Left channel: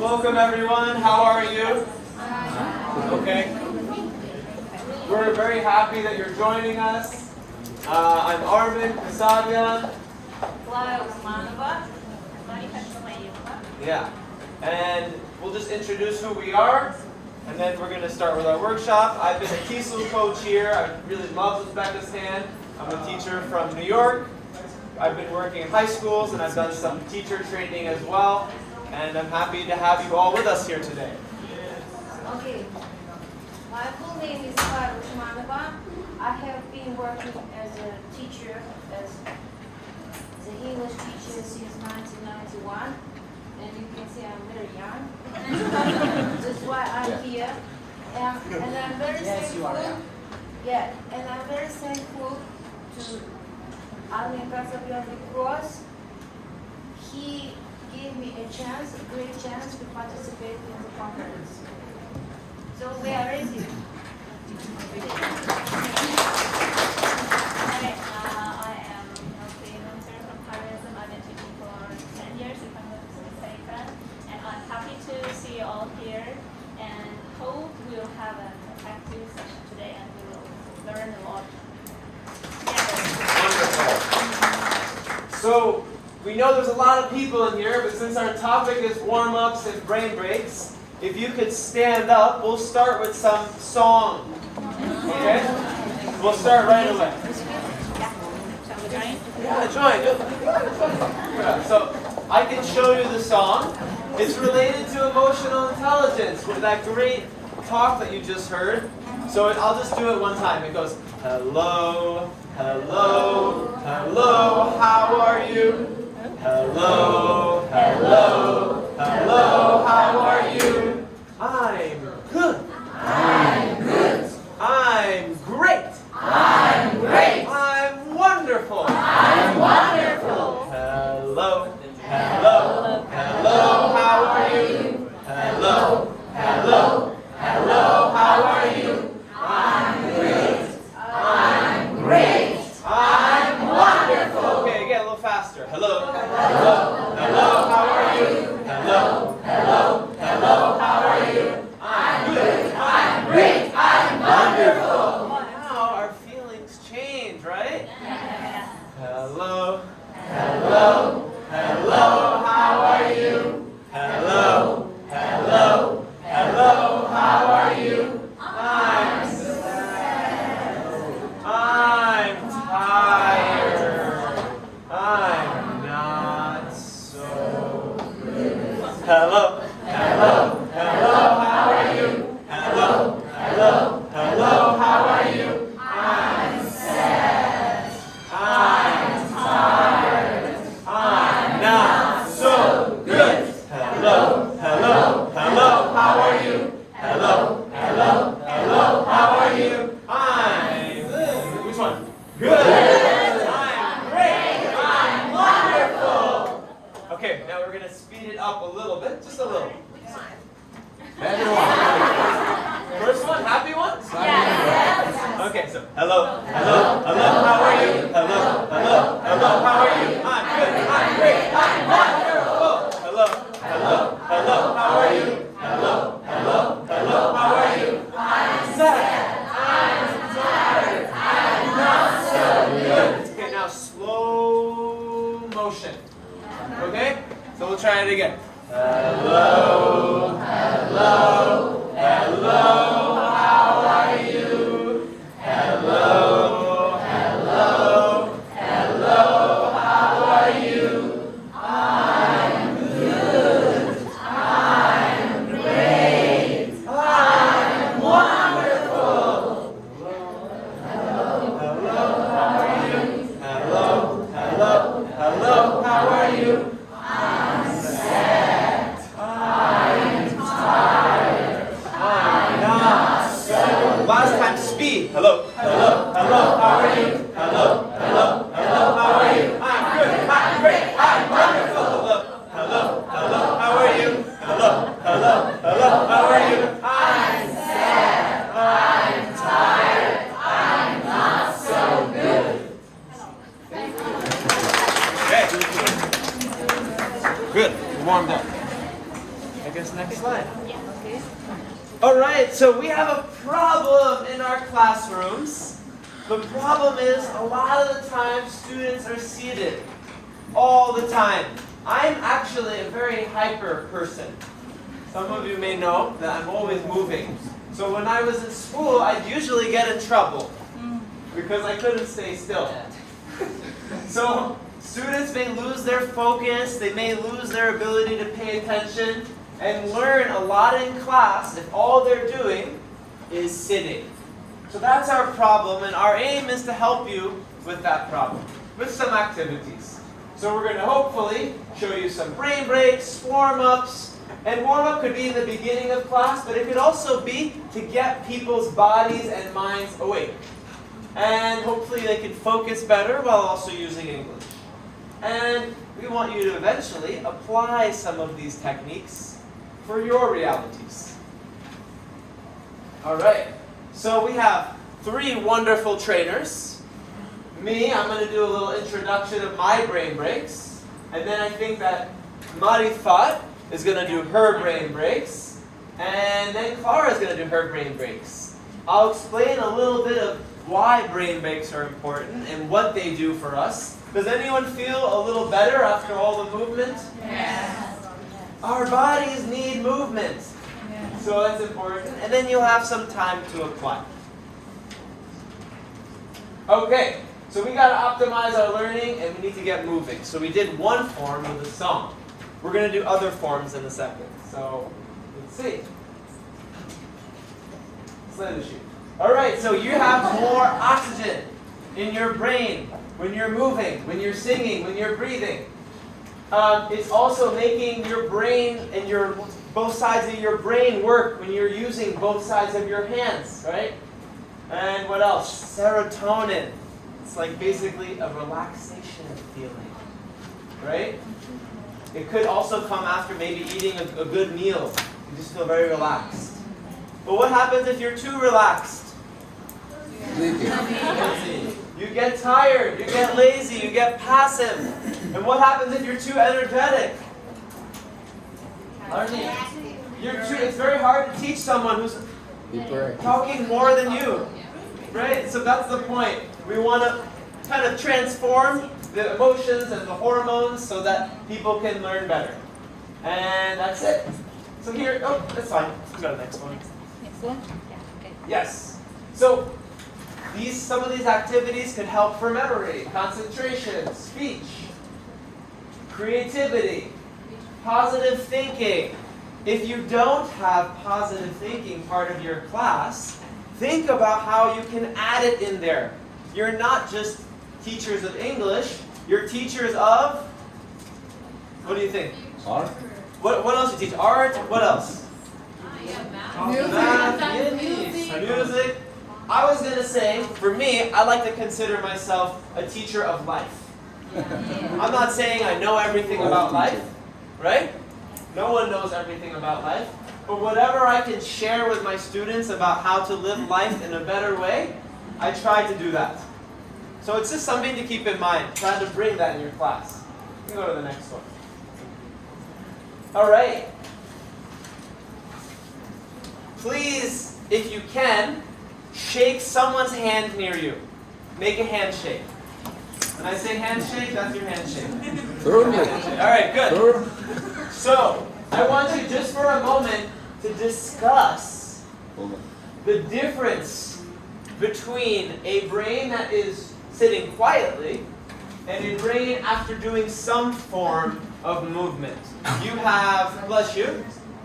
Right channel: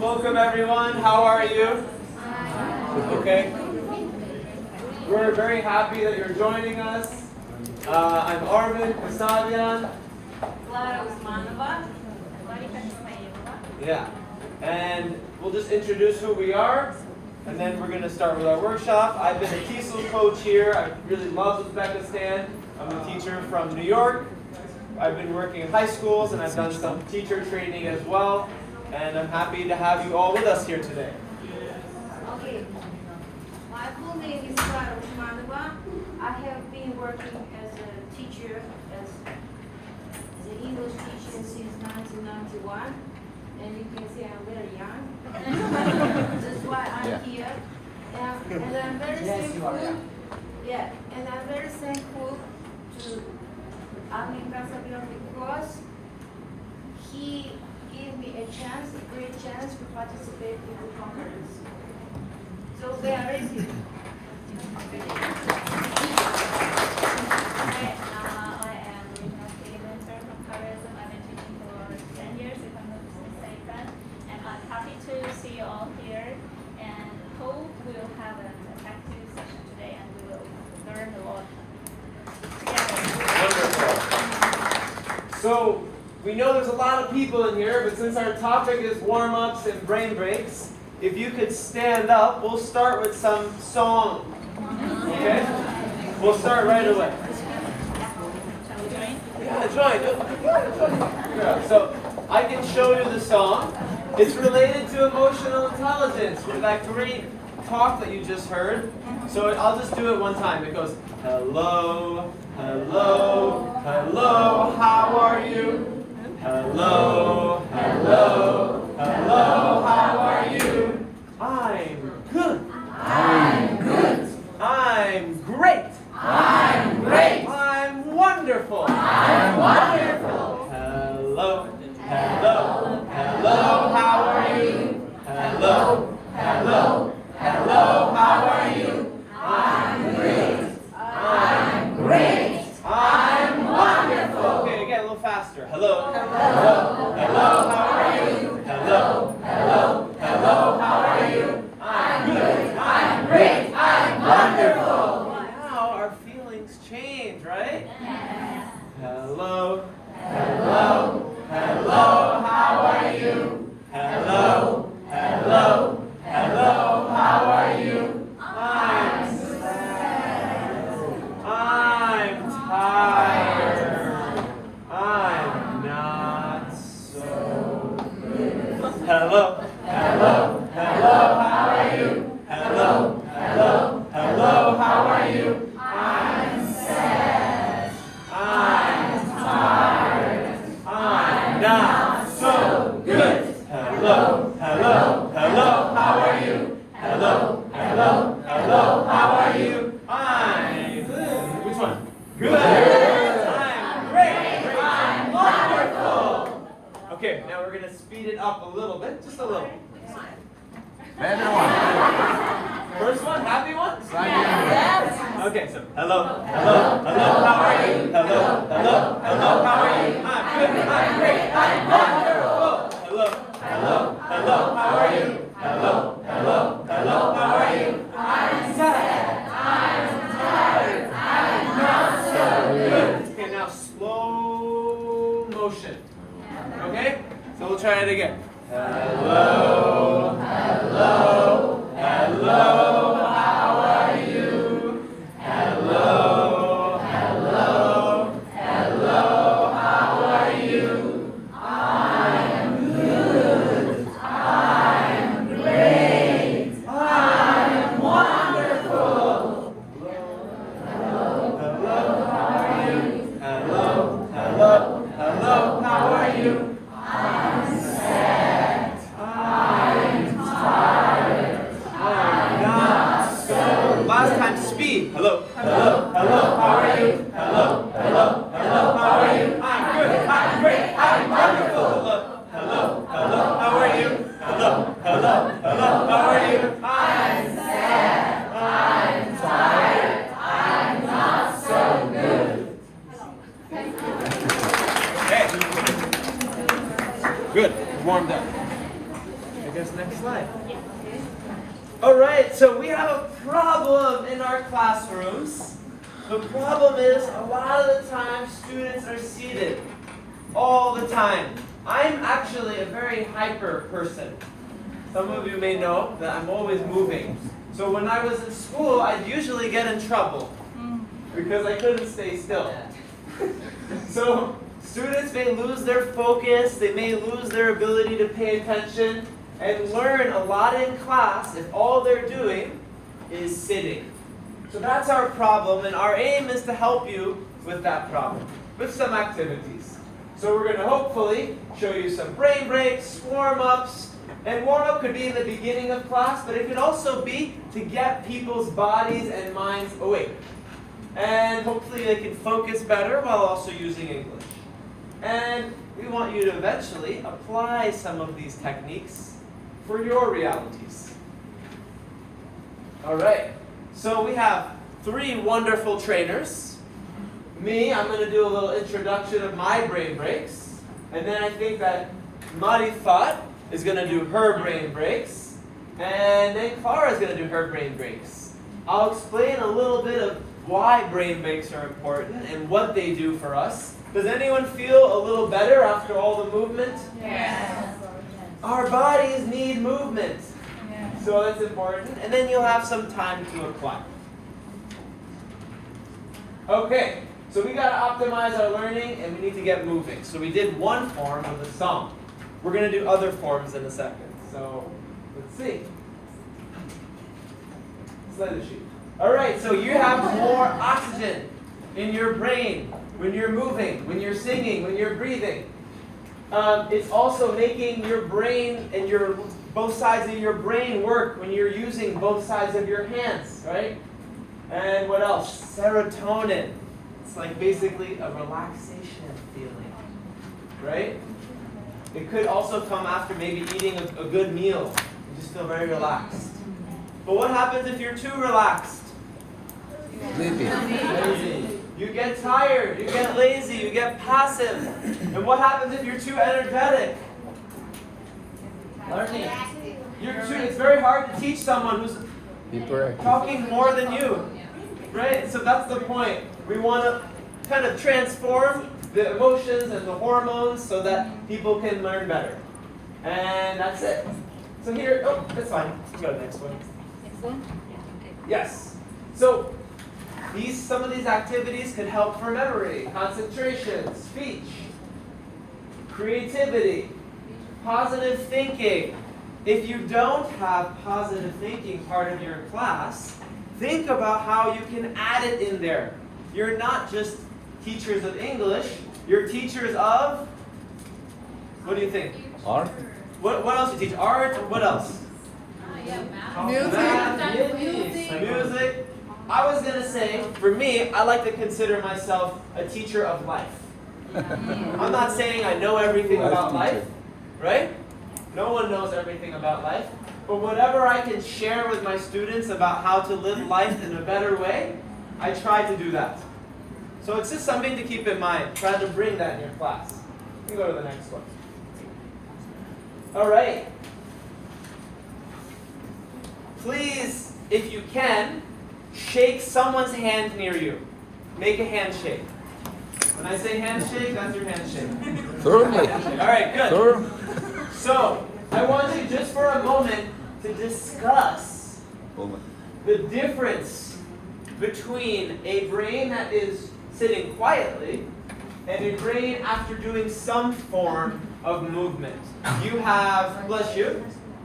Welcome everyone, how are you? Okay. We're very happy that you're joining us. I'm Armen Marifat. Yeah, and we'll just introduce who we are, and then we're going to start with our workshop. I've been a TESOL coach here. I really love Uzbekistan. I'm a teacher from New York. I've been working in high schools, and I've done some teacher training as well. And I'm happy to have you all with us here today. Okay. My full name is Usmanova. I have been working as a teacher, as the English teacher since 1991. And you can see I'm very young. That's why I'm here. And I'm very thankful. Yeah, and I'm very thankful to Armen Marifat because he gave me a chance, a great chance to participate in the conference. So we are ready. I am a freelancer from Paris, and I've been teaching for more than 10 years, if I'm not mistaken. And I'm happy to see you all here, and hope we'll have an active session today, and we will learn a lot. Wonderful. So, we know there's a lot of people in here, but since our topic is warm-ups and brain breaks, if you could stand up, we'll start with some song. Okay? We'll start right away. Yeah, join. Yeah. So, I can show you the song. It's related to emotional intelligence, with that great talk that you just heard. So I'll just do it one time. It goes, hello, hello, hello, how are you? Hello, hello, hello, how are you? I'm good. I'm good. I'm great. I'm great. I'm wonderful. I'm wonderful. Hello, hello, hello, how are you? Hello, hello, hello, how are you? I'm great. I'm great. I'm wonderful. Okay, again, a little faster. Hello, hello, hello, how are you? Hello, hello, hello, how are you? I'm good. I'm great. I'm wonderful. Now our feelings change, right? Hello, hello, hello, how are you? Hello, hello, hello, how are you? I'm sad. I'm tired. I'm not so good. Hello, hello, hello, how are you? Hello, hello, hello, how are you? I'm sad. I'm tired. I'm not so good. Hello, hello, hello, how are you? Hello, hello, hello, how are you? I'm good. Which one? Good. I'm great. I'm wonderful. Okay, now we're going to speed it up a little bit, just a little. Better one. First one, happy one? Yes. Okay, so hello, hello, hello, how are you? Hello, hello, hello, how are you? I'm good, I'm great, I'm wonderful. Hello, hello, hello, how are you? Hello, hello, hello, how are you? I'm sad, I'm tired, I'm not so good. Okay, now slow motion. Okay? So we'll try it again. Hello, hello, hello, how are you? Hello, hello, hello, how are you? I'm good, I'm great, I'm wonderful. Hello, hello, how are you? Hello, hello, hello, how are you? I'm sad, I'm tired, I'm not so. Last time, speed. Hello, hello, hello, how are you? Hello, hello, hello, how are you? I'm good, I'm great, I'm wonderful. Hello, hello, how are you? Hello, hello, hello, how are you? I'm sad, I'm tired, I'm not so good. Thank you. Good. Warmed up. I guess next slide. All right, so we have a problem in our classrooms. The problem is a lot of the time students are seated all the time. I'm actually a very hyper person. Some of you may know that I'm always moving. So when I was in school, I'd usually get in trouble because I couldn't stay still. So students may lose their focus, they may lose their ability to pay attention and learn a lot in class if all they're doing is sitting. So that's our problem, and our aim is to help you with that problem, with some activities. So we're going to hopefully show you some brain breaks, warm-ups, and warm-up could be in the beginning of class, but it could also be to get people's bodies and minds awake. And hopefully they can focus better while also using English. And we want you to eventually apply some of these techniques for your realities. All right, so we have 3 wonderful trainers. Me, I'm going to do a little introduction of my brain breaks. And then I think that Marifat is going to do her brain breaks. And then Clara is going to do her brain breaks. I'll explain a little bit of why brain breaks are important and what they do for us. Does anyone feel a little better after all the movement? Yes. Our bodies need movement. So that's important. And then you'll have some time to apply. Okay, so we got to optimize our learning and we need to get moving. So we did one form with a song. We're going to do other forms in a second. So let's see. Slide the sheet. All right, so you have more oxygen in your brain when you're moving, when you're singing, when you're breathing. It's also making your brain and both sides of your brain work when you're using both sides of your hands, right? And what else? Serotonin. It's like basically a relaxation feeling, right? It could also come after maybe eating a good meal. You just feel very relaxed. But what happens if you're too relaxed? Lazy. You get tired, you get lazy, you get passive. And what happens if you're too energetic? Learning. It's very hard to teach someone who's talking more than you. Right? So that's the point. We want to kind of transform the emotions and the hormones so that people can learn better. And that's it. So here, oh, that's fine. Let's go to the next one. Yes. So some of these activities can help for memory, concentration, speech, creativity, positive thinking. If you don't have positive thinking part of your class, think about how you can add it in there. You're not just teachers of English, you're teachers of, what do you think? Art. What else do you teach? Art, what else? Math, music. I was going to say, for me, I like to consider myself a teacher of life. I'm not saying I know everything about life, right? No one knows everything about life. But whatever I can share with my students about how to live life in a better way, I try to do that. So it's just something to keep in mind. Try to bring that in your class. You can go to the next one. All right. Please, if you can, shake someone's hand near you. Make a handshake. When I say handshake, that's your handshake. All right, good. So, I want you just for a moment to discuss the difference between a brain that is sitting quietly and a brain after doing some form of movement. You have, bless you,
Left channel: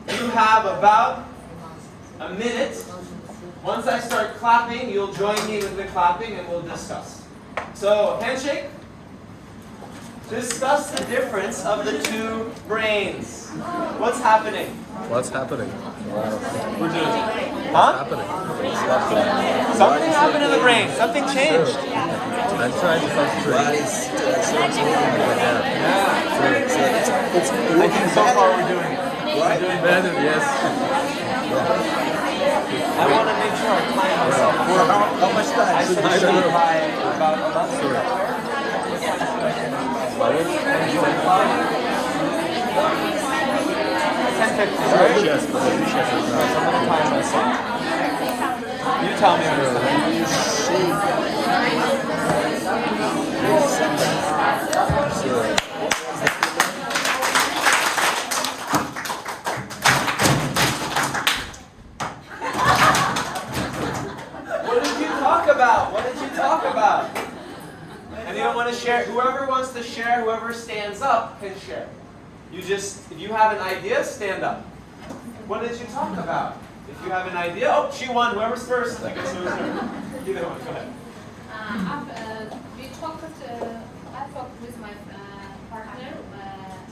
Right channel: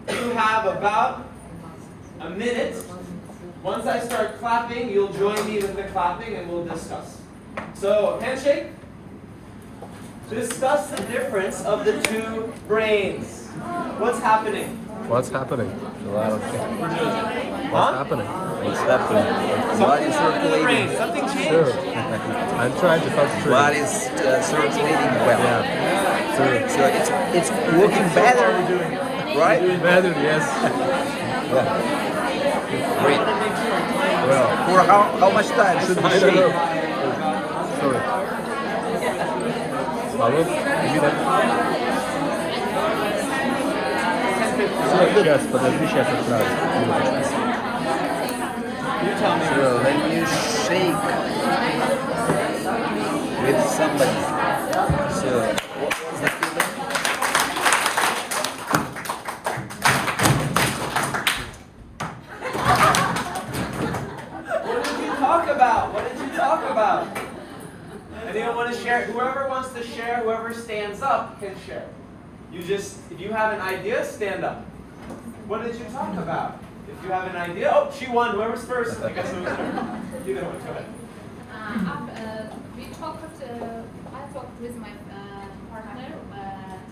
you have about a minute. Once I start clapping, you'll join me with the clapping and we'll discuss. So, handshake. Discuss the difference of the two brains. What's happening? What's happening? We're doing. Huh? Something happened in the brain. Something changed. I'm trying to focus. What is it's Looking so far, we're doing it. right? We're doing better, yes. I want to make sure I time myself. How much time? I should be sure by about 11. Yes, but you should have You tell me. When you shake with something, so What did you talk about? What did you talk about? Anyone want to share? Whoever wants to share, whoever stands up can share. You just, if you have an idea, stand up. What did you talk about? If you have an idea, oh, she won. Whoever's first. I guess it was her. Either one, go ahead. I talked with my partner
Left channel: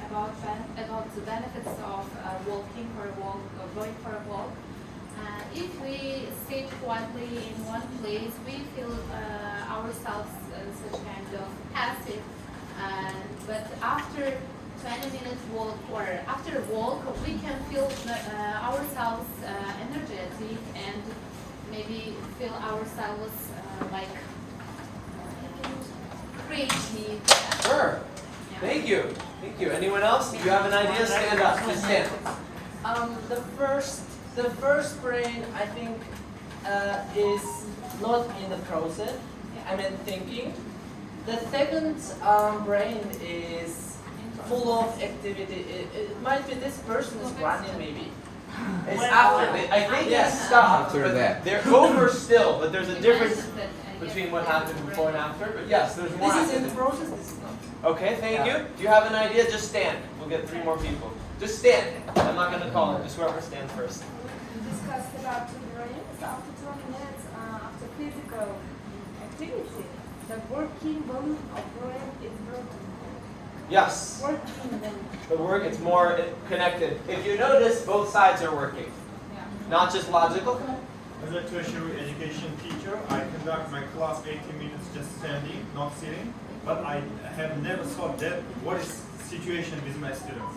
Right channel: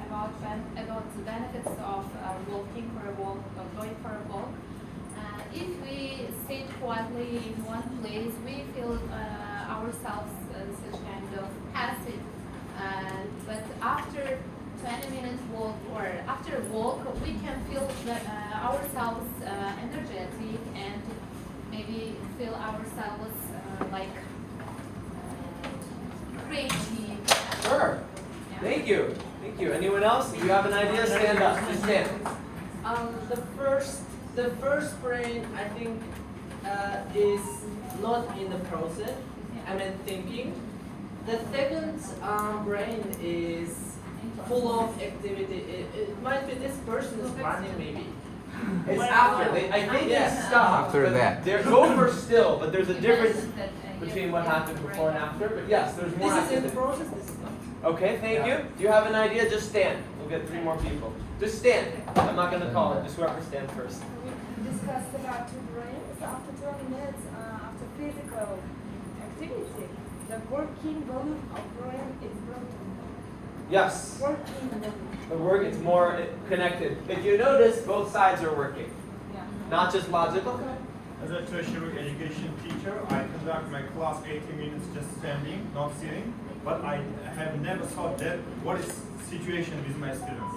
about the benefits of walking for a walk or going for a walk. If we sit quietly in one place, we feel ourselves such kind of passive. But after 20 minutes walk or after a walk, we can feel ourselves energetic and maybe feel ourselves like creative. Sure. Yeah. Thank you. Thank you. Anyone else? If you have an idea, stand up. Please stand. The first brain, I think, is not in the process. I mean, thinking. The second brain is full of activity. It might be this person is running, maybe. It's after. I think they stopped, After but that. they're over still. But there's a difference Imagine that, between yes, what happened before and after. But yes, there's more. This is in the activity. process. This is not. Okay, thank you. Do you have an idea? Just stand. We'll get 3 more people. Just stand. I'm not going to call it. Just whoever stands first. We discussed about two brains after 20 minutes after physical activity. The working volume of brain is broken. Yes. Working volume. The work, it's more connected. If you notice, both sides are working. Yeah. Not just logical. As a tertiary education teacher, I conduct my class 80 minutes just standing, not sitting. But I have never thought that what is situation with my students.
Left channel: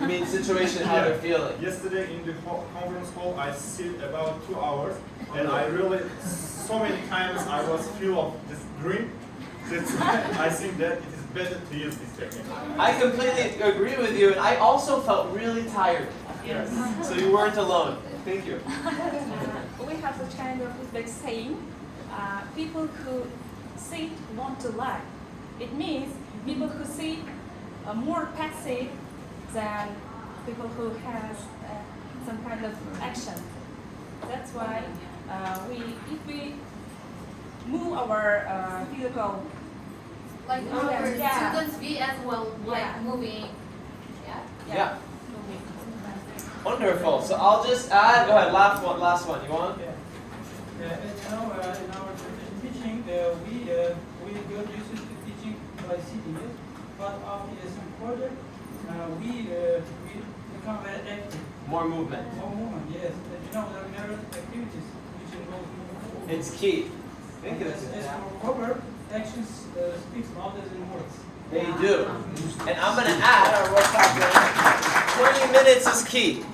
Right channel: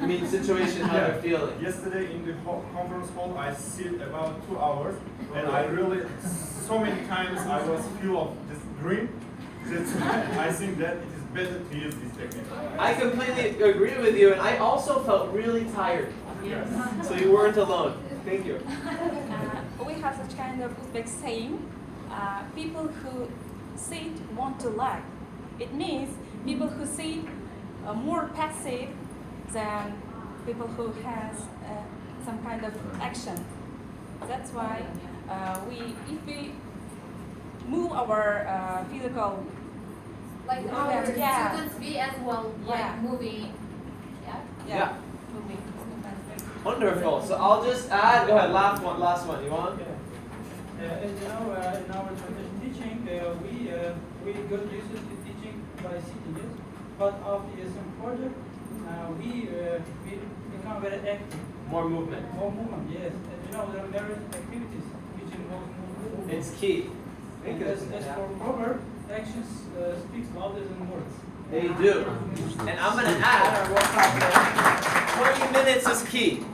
You mean situation, how they're feeling. Yesterday in the conference hall, I sit about 2 hours, and I really, so many times I was full of this dream. That's I think that it is better to use this technique. I completely agree with you, and I also felt really tired. Yes. So you weren't alone. Thank you. We have a kind of like saying, people who sit want to lie. It means people who sit are more passive than people who has some kind of action. That's why if we move our physical, Like our Yeah. students, we as well like Yeah. moving. Yeah. Yeah. Wonderful. So I'll just add. Go ahead. Last one. You want? Yeah, in our teaching, we got used to teaching by sitting, but after some project, we become very active. More movement. More movement, yes. And, there are various activities which involve movement. It's key. Think of As it. for cover, actions speaks louder than words. They do. And I'm going to add, 20 minutes is key.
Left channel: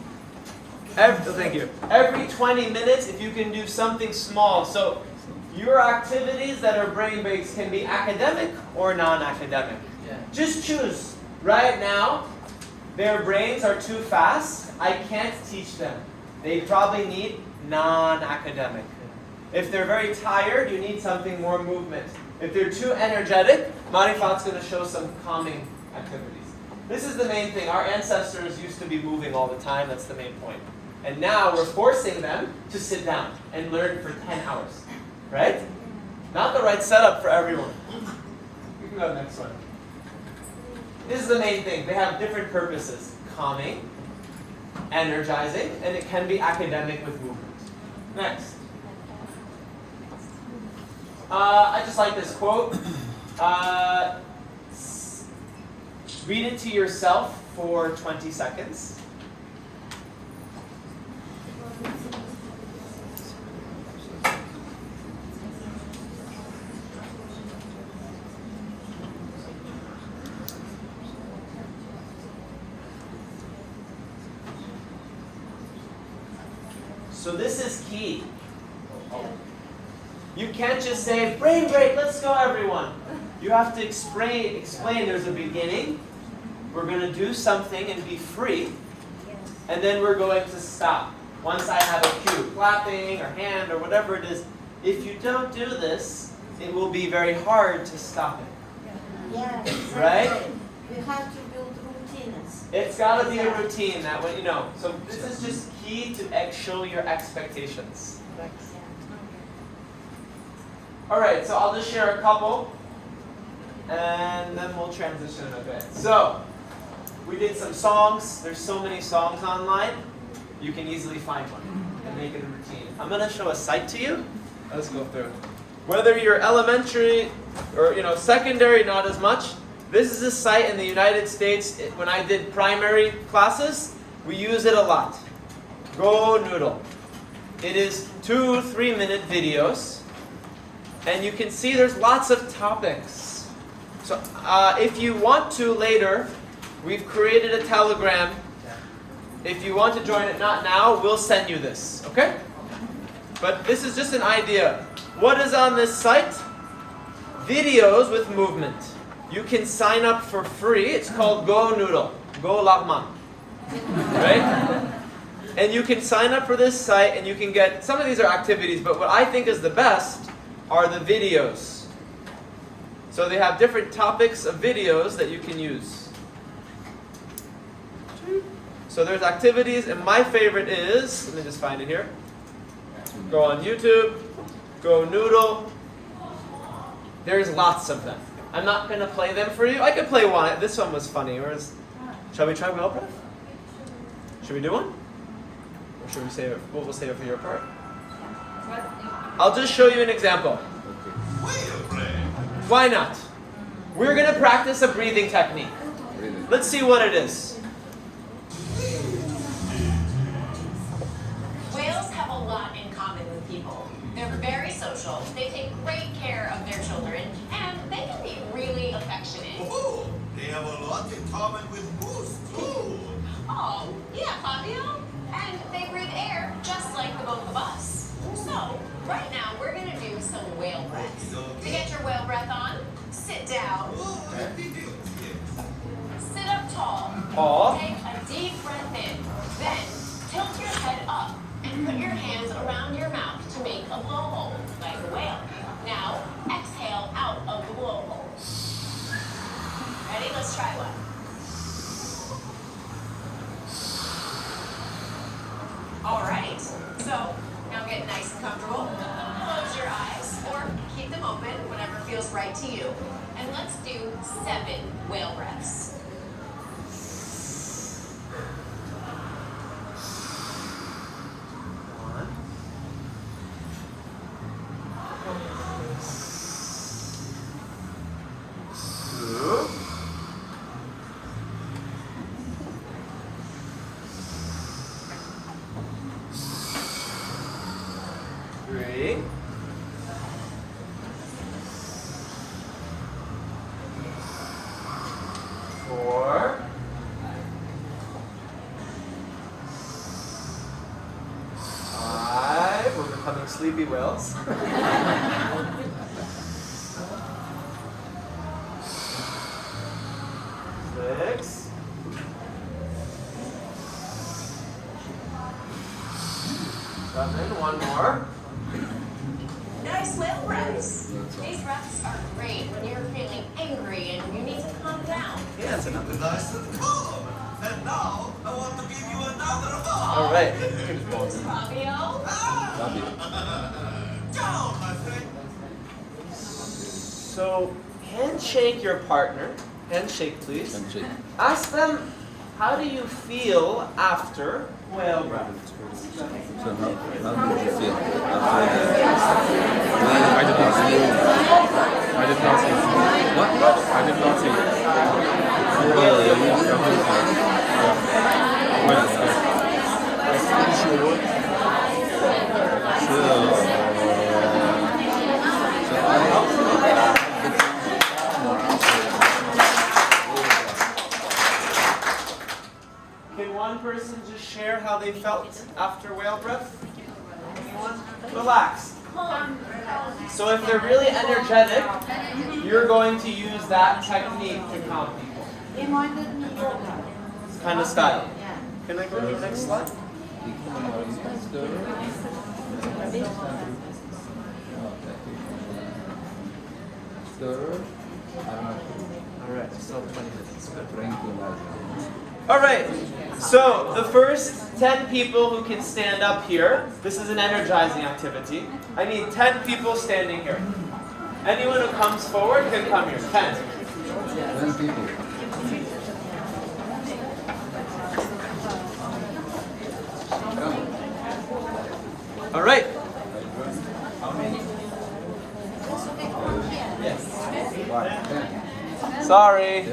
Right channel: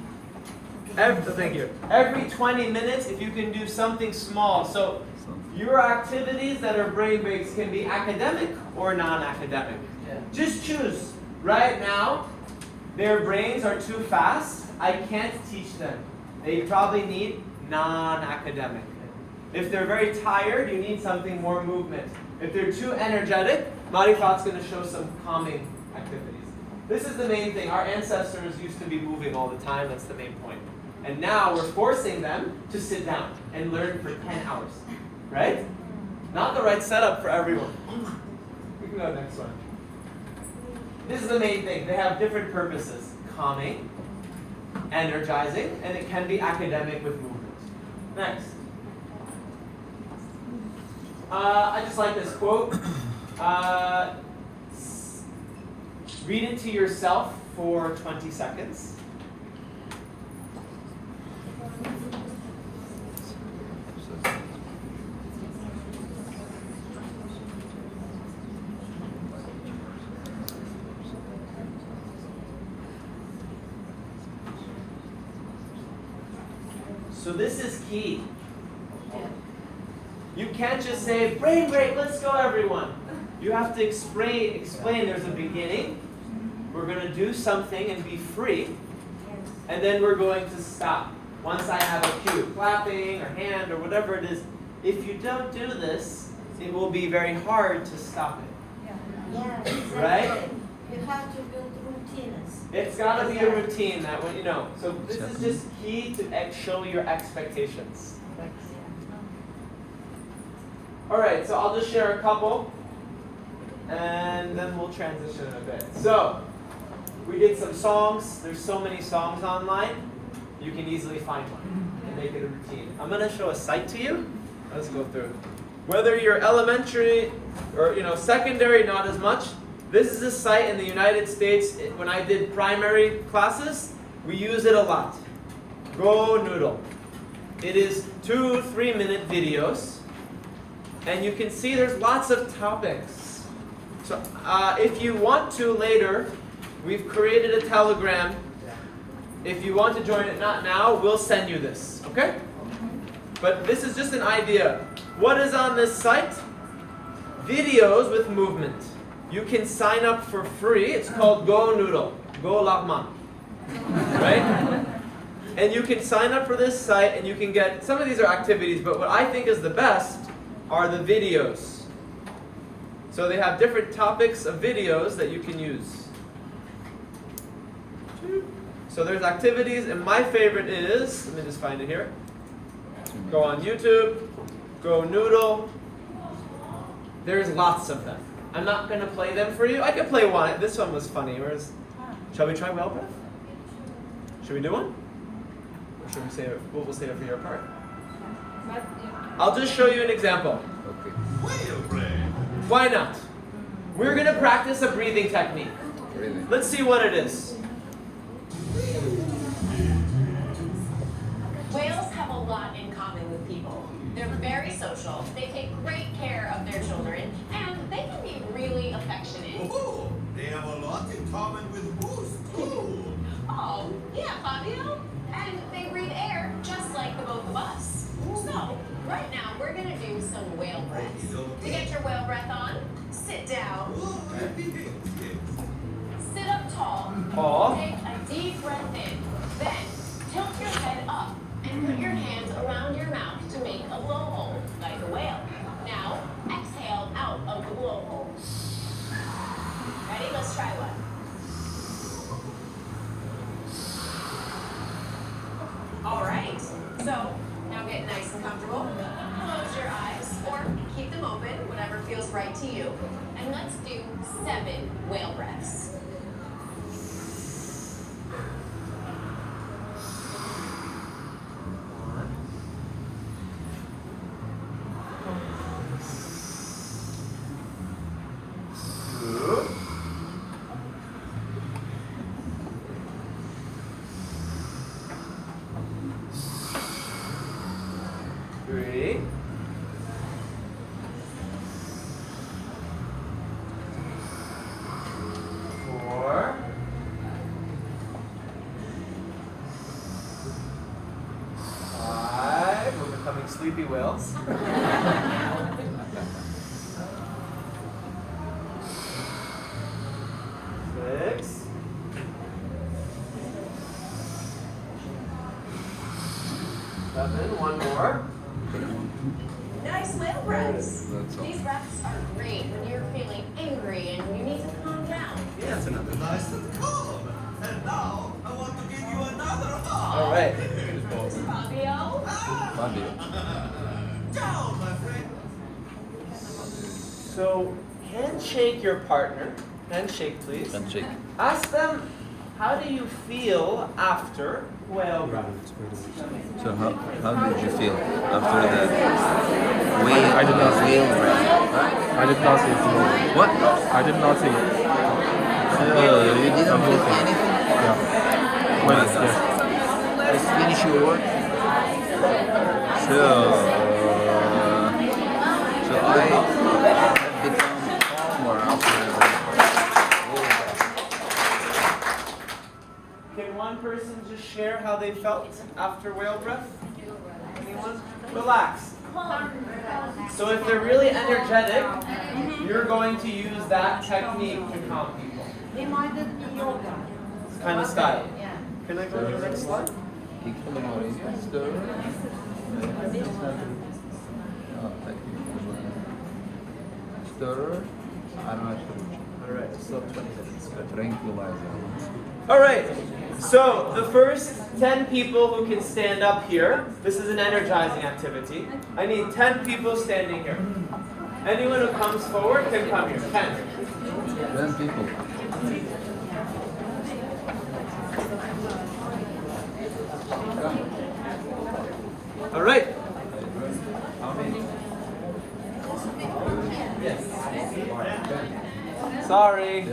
Thank you. Every 20 minutes, if you can do something small. So your activities that are brain-based can be academic or non-academic. Just choose. Right now, their brains are too fast. I can't teach them. They probably need non-academic. If they're very tired, you need something more movement. If they're too energetic, Marifat's going to show some calming activities. This is the main thing. Our ancestors used to be moving all the time. That's the main point. And now we're forcing them to sit down and learn for 10 hours. Right? Not the right setup for everyone. We can go to the next one. This is the main thing. They have different purposes. Calming, energizing, and it can be academic with movement. Next. I just like this quote. Read it to yourself for 20 seconds. So this is key. You can't just say, brain break, let's go everyone. You have to explain there's a beginning. We're going to do something and be free. and then we're going to stop. Once I have a cue, clapping or hand or whatever it is, if you don't do this, it will be very hard to stop it. Yeah, exactly. Right? You have to build routines. It's got to be a routine that when you know. So this is just key to show your expectations. All right, so I'll just share a couple, and then we'll transition a bit. So we did some songs. There's so many songs online. You can easily find one and make it a routine. I'm going to show a site to you. Let's go through. Whether you're elementary or secondary, not as much. This is a site in the United States. When I did primary classes, we use it a lot. Go Noodle. It is 2-3 minute videos, and you can see there's lots of topics. So if you want to later, we've created a Telegram. If you want to join it, not now, we'll send you this, okay? But this is just an idea. What is on this site? Videos with movement. You can sign up for free. It's called Go Noodle. Go Lahman. Right? And you can sign up for this site and you can get, some of these are activities, but what I think is the best are the videos. So they have different topics of videos that you can use. So there's activities, and my favorite is, let me just find it here. Go on YouTube, Go Noodle. There's lots of them. I'm not going to play them for you. I could play one. This one was funny. Shall we try well breath? Should we do one? Or should we save it? We'll save it for your part. I'll just show you an example. Why not? We're going to practice a breathing technique. Let's see what it is. Whales have a lot in common with people. They're very social, they take great care of their children, and they can be really affectionate. Oh, they have a lot in common with moose, too. Oh, yeah, Fabio. And they breathe air just like the both of us. So, right now we're going to do some whale breaths. To get your whale breath on, sit down. Sit up tall. Tall. Take a deep breath in. Then, tilt your head up and put your hands around your mouth to make a blowhole, like a whale. Now, exhale out of the blowhole. Ready? Let's try one. All right. So, now get nice and comfortable. Close your eyes or keep them open, whatever feels right to you. And let's do 7 whale breaths. Sleepy whales. 6. 7. One more. Nice whale breaths. These breaths are great when you're feeling angry and you need to calm down. Yes, it was nice and calm. And now, I want to give you another hug. All right. Fabio? Ciao, my friend. So, handshake your partner. Handshake, please. Handshake. Ask them, how do you feel after whale breath? So how did you feel after what? Oh, you didn't feel anything? Finish your work? Sure. Can one person just share how they felt after whale breath? Anyone? Relax. So if they're really energetic, you're going to use that technique to calm people. Reminded me yoga. It's kind of style. Yeah. Can I go to the next slide? All right. So the first 10 people who can stand up here. This is an energizing activity. I need 10 people standing here. Anyone who comes forward can come here. 10. 10 people. All right. Sorry.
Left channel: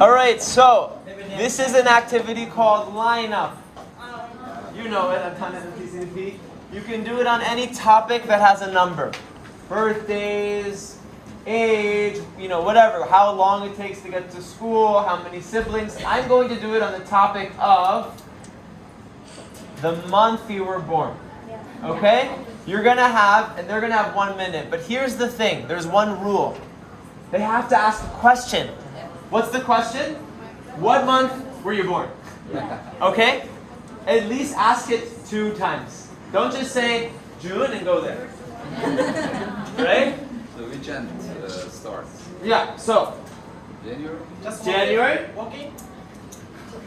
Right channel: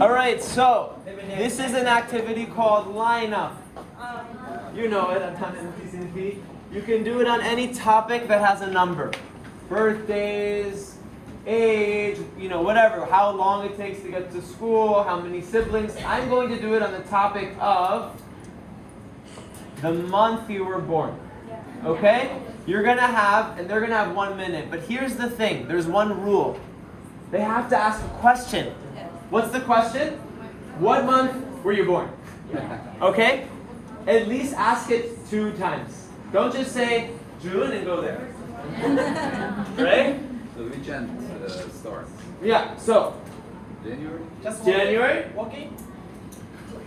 All right, so this is an activity called line up. You know it, I'm kind of PCP. You can do it on any topic that has a number. Birthdays, age, whatever, how long it takes to get to school, how many siblings. I'm going to do it on the topic of the month you were born. Okay? You're going to have, and they're going to have 1 minute. But here's the thing. There's one rule. They have to ask a question. What's the question? What month were you born? Okay? At least ask it 2 times. Don't just say June and go there. Right? So which end starts? Yeah, so. January? January? Okay.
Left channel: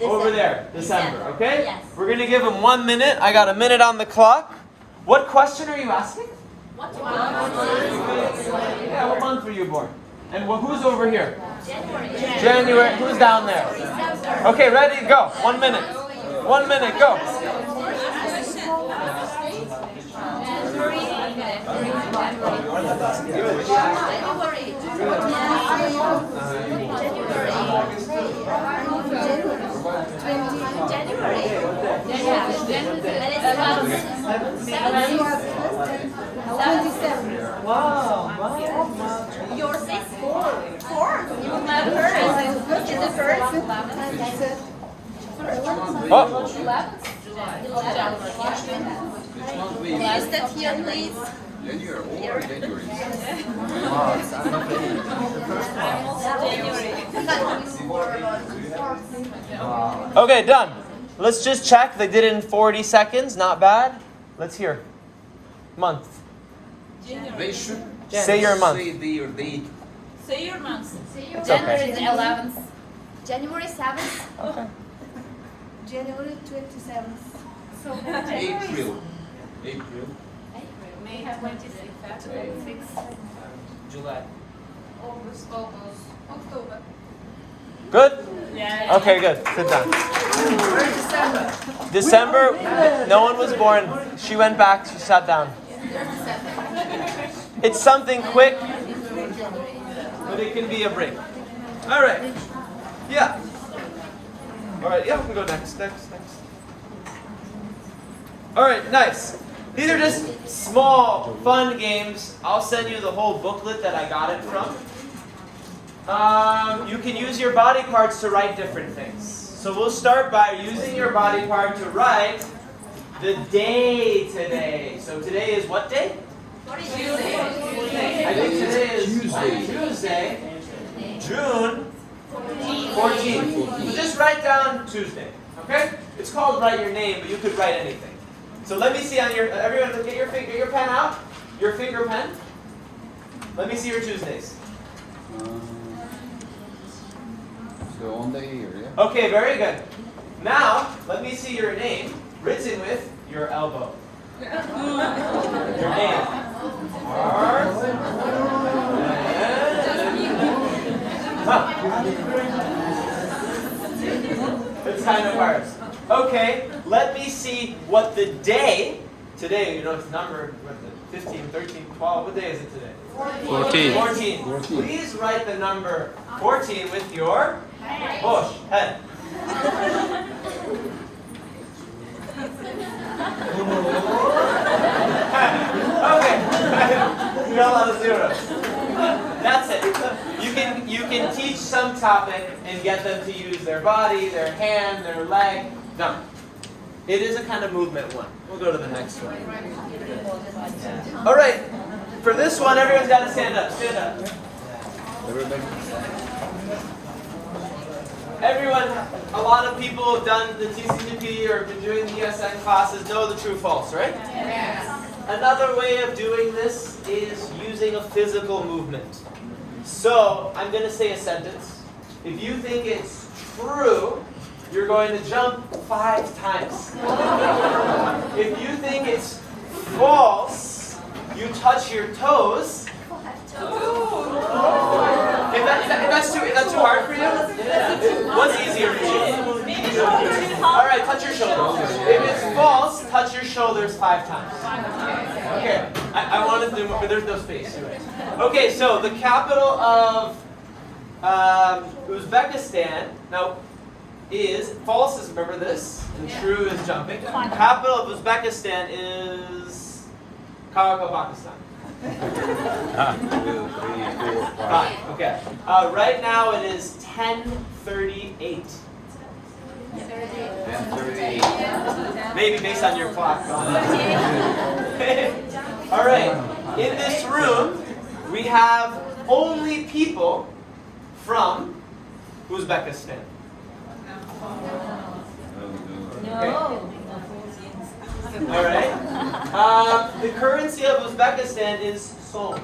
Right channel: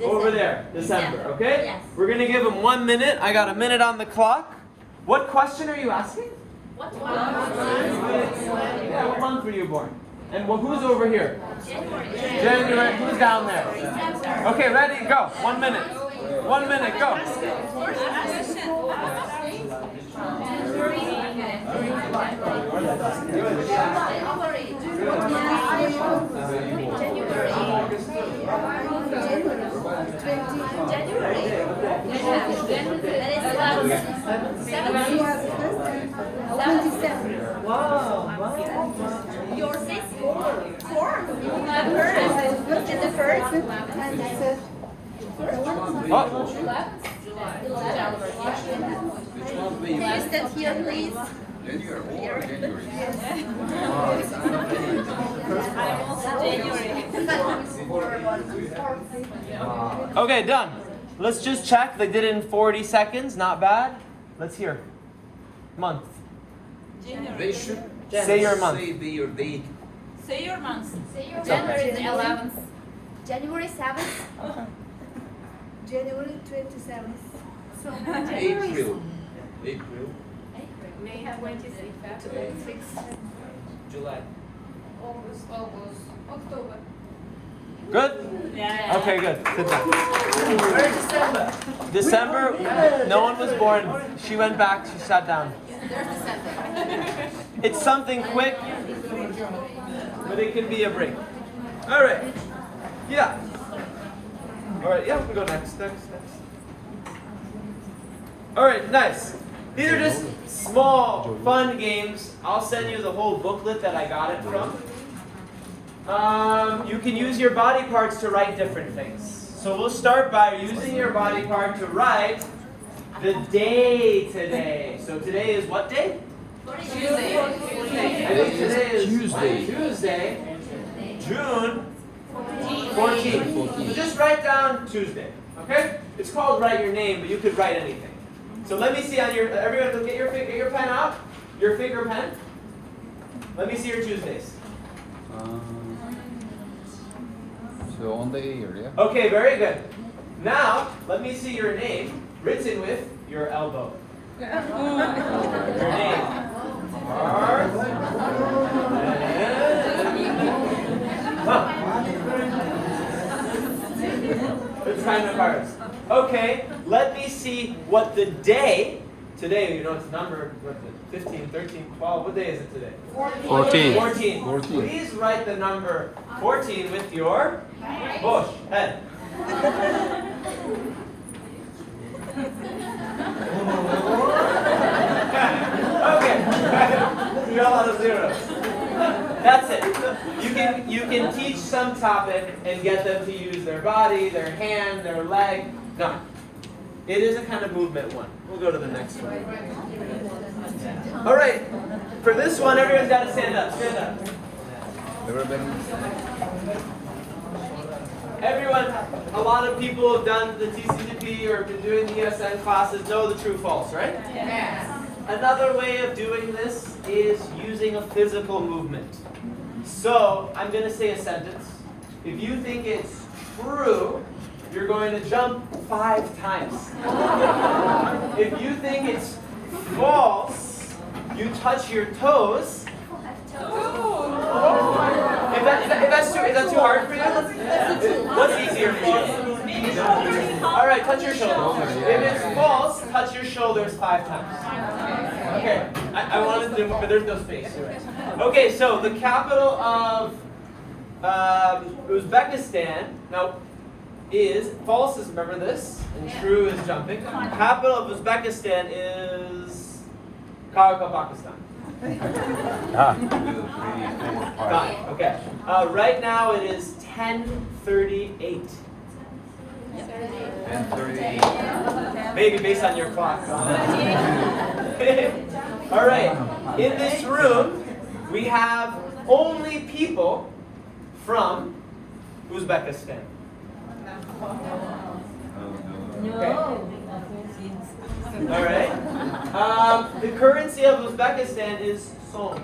Over there. December, okay? Yes. We're going to give them 1 minute. I got a minute on the clock. What question are you asking? What Yeah, what month were you born? And who's over here? January. January. Who's down there? Okay, ready? Go. 1 minute. 1 minute. Go. Yours is 4. Which is the first? Oh. Which month were you born? Step here, please. January or January? Okay, done. Let's just check. They did it in 40 seconds. Not bad. Let's hear. Month. They should Say your month. say their date. Say your month. January the 11th. January 7th. January 27th. April. May 26th. July. August. October. Good? Yeah. Okay, good. Sit down. December, no one was born. She went back, she sat down. It's something quick, but it can be a break. All right. Yeah. All right, yeah, we can go next. All right, nice. These are just small, fun games. I'll send you the whole booklet that I got it from. You can use your body parts to write different things. So we'll start by using your body part to write the day today. So today is what day? Tuesday. I think today is Tuesday. June 14th. So just write down Tuesday, okay? It's called write your name, but you could write anything. So let me see on your, everyone get your pen out, your finger pen. Let me see your Tuesdays. So on the ear, yeah? Okay, very good. Now, let me see your name written with your elbow. Your name. Mars. It's kind of hard. Okay, let me see what the day, today, it's numbered, 15, 13, 12, what day is it today? 14. 14. Please write the number 14 with your bush, head. Okay, you got a lot of zeros. That's it. You can teach some topic and get them to use their body, their hand, their leg. No. It is a kind of movement one. We'll go to the next one. All right. For this one, everyone's got to stand up. Stand up. Everybody. Everyone, a lot of know people who have done the TCGP or been doing the ESN classes know the true false, right? Yes. Another way of doing this is using a physical movement. So I'm going to say a sentence. If you think it's true, you're going to jump 5 times. If you think it's false, you touch your toes. If that's too hard for you, what's easier for you? All right, touch your shoulders. If it's false, touch your shoulders 5 times. Okay, I wanted to do more, but there's no space. You're right. Okay, so the capital of Uzbekistan now is false. Is remember this, and true is jumping. Capital of Uzbekistan is Pakistan. 2, 3, 4, 5. 5. Okay. Right now it is 10:38. 10:38. Maybe based on your clock. All right. In this room, we have only people from Uzbekistan. Okay. All right. The currency of Uzbekistan is som.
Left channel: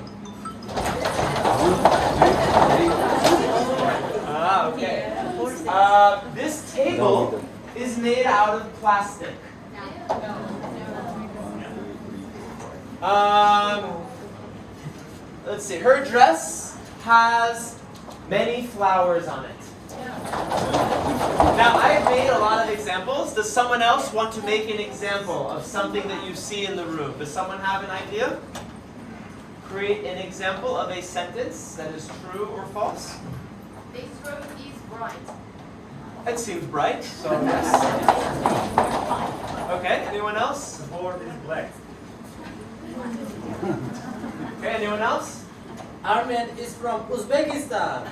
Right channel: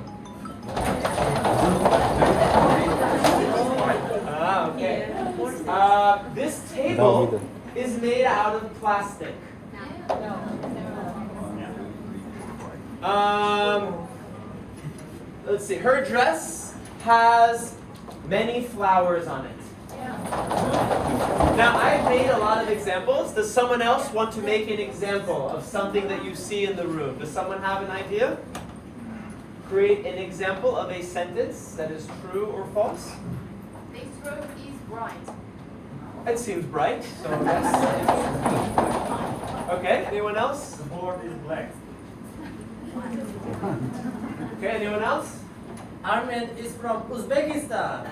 Okay. This table is made out of plastic. Let's see. Her dress has many flowers on it. Now, I've made a lot of examples. Does someone else want to make an example of something that you see in the room? Does someone have an idea? Create an example of a sentence that is true or false. This room is bright. That seems bright, so yes. Okay, anyone else? The board is black. Okay, anyone else? Armen is from Uzbekistan.